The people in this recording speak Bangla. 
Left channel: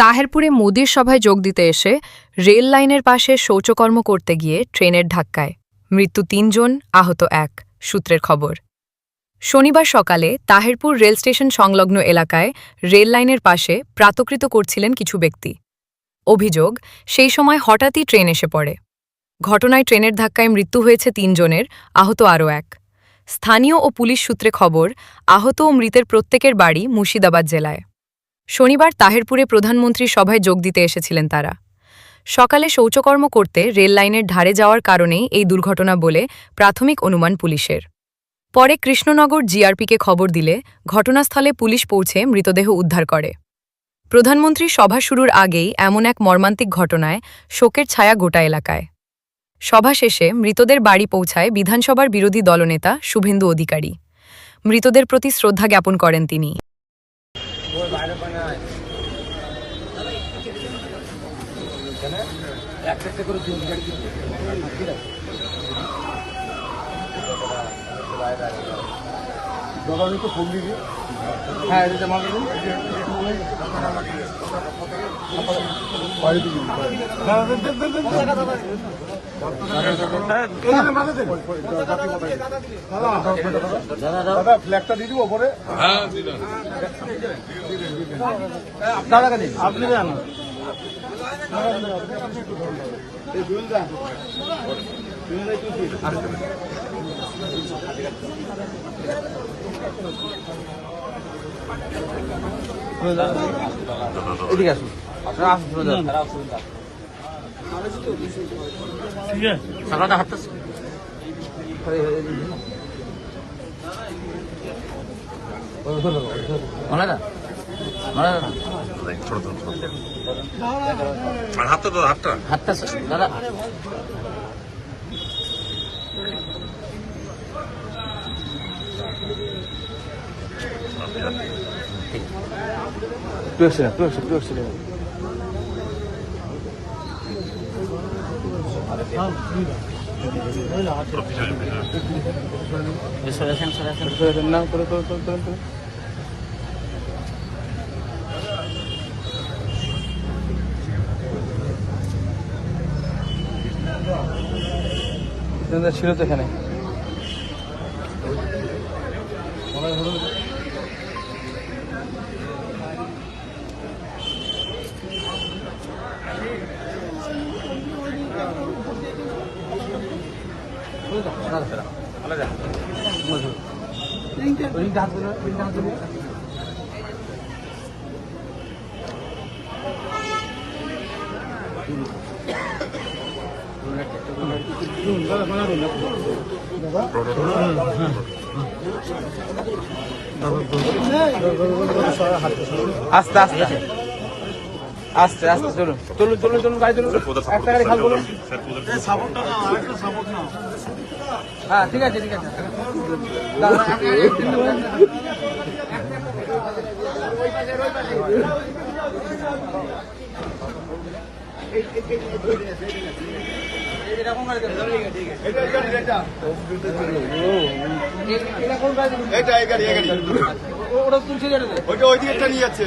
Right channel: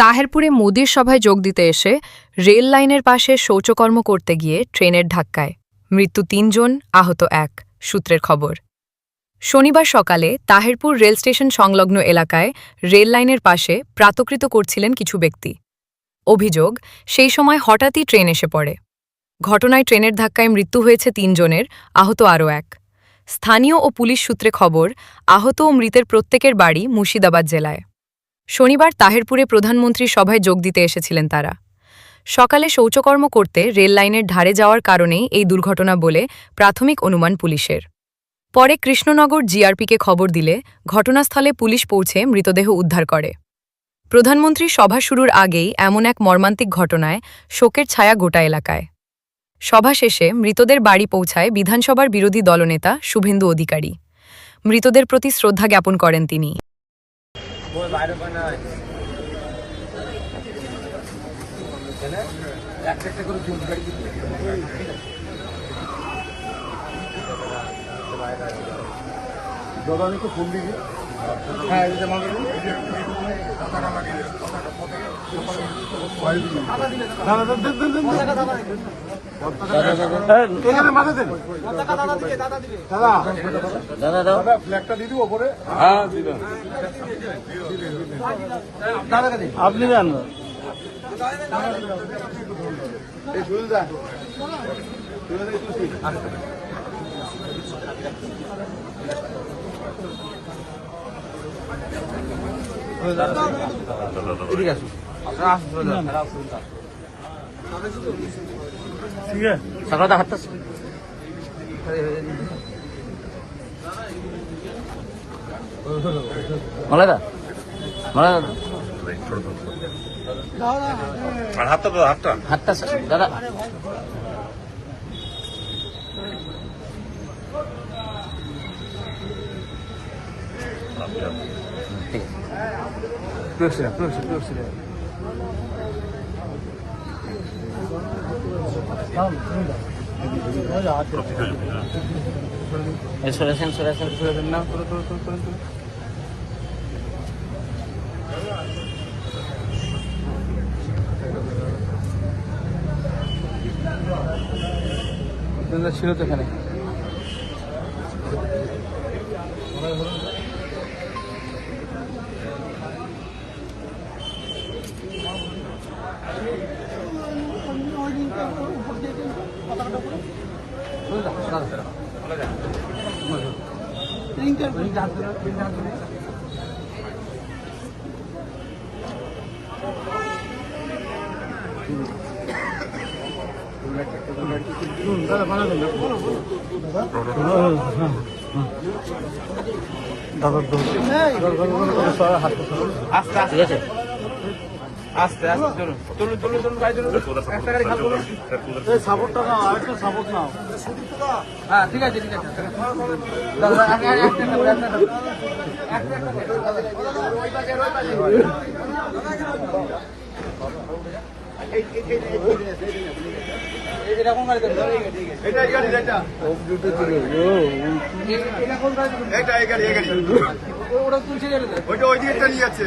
তাহেরপুরে মোদির সভায় যোগ দিতে এসে রেল লাইনের পাশে শৌচকর্ম করতে গিয়ে ট্রেনের ধাক্কায় মৃত্যু ৩ জন, আহত ১, সূত্রের খবর। শনিবার সকালে তাহেরপুর রেল স্টেশন সংলগ্ন এলাকায় রেল লাইনের পাশে প্রাতকৃত করছিলেন কিছু ব্যক্তি। অভিযোগ, সেই সময় হঠাৎই ট্রেন এসে পড়ে। ঘটনায় ট্রেনের ধাক্কায় মৃত্যু হয়েছে ৩ জনের, আহত আরও ১। স্থানীয় ও পুলিশ সূত্রে খবর, আহত ও মৃতের প্রত্যেকের বাড়ি মুর্শিদাবাদ জেলায়। শনিবার তাহেরপুরে প্রধানমন্ত্রীর সভায় যোগ দিতে এসেছিলেন তারা। সকালে শৌচকর্ম করতে রেল লাইনের ধারে যাওয়ার কারণেই এই দুর্ঘটনা বলে প্রাথমিক অনুমান পুলিশের। পরে কৃষ্ণনগর জিআরপিকে খবর দিলে ঘটনাস্থলে পুলিশ পৌঁছে মৃতদেহ উদ্ধার করে। প্রধানমন্ত্রীর সভা শুরুর আগেই এমন এক মর্মান্তিক ঘটনায় শোকের ছায়া গোটা এলাকায়। সভা শেষে মৃতদের বাড়ি পৌঁছায় বিধানসভার বিরোধী দলনেতা শুভেন্দু অধিকারী। মৃতদের প্রতি শ্রদ্ধা জ্ঞাপন করেন তিনি। আপনি জানো এদিকে আসুন। ঠিক আছে টাকাটা হাঁটতেছে ছিল তো এখানে। আস্তে আস্তে আস্তে আস্তে সাপোর্টটা নাও, আরেকটা সাপোর্ট নাও। হ্যাঁ ঠিক আছে ঠিক আছে। ওটা তুলছে ওইটা ওই দিকে নিয়ে যাচ্ছে।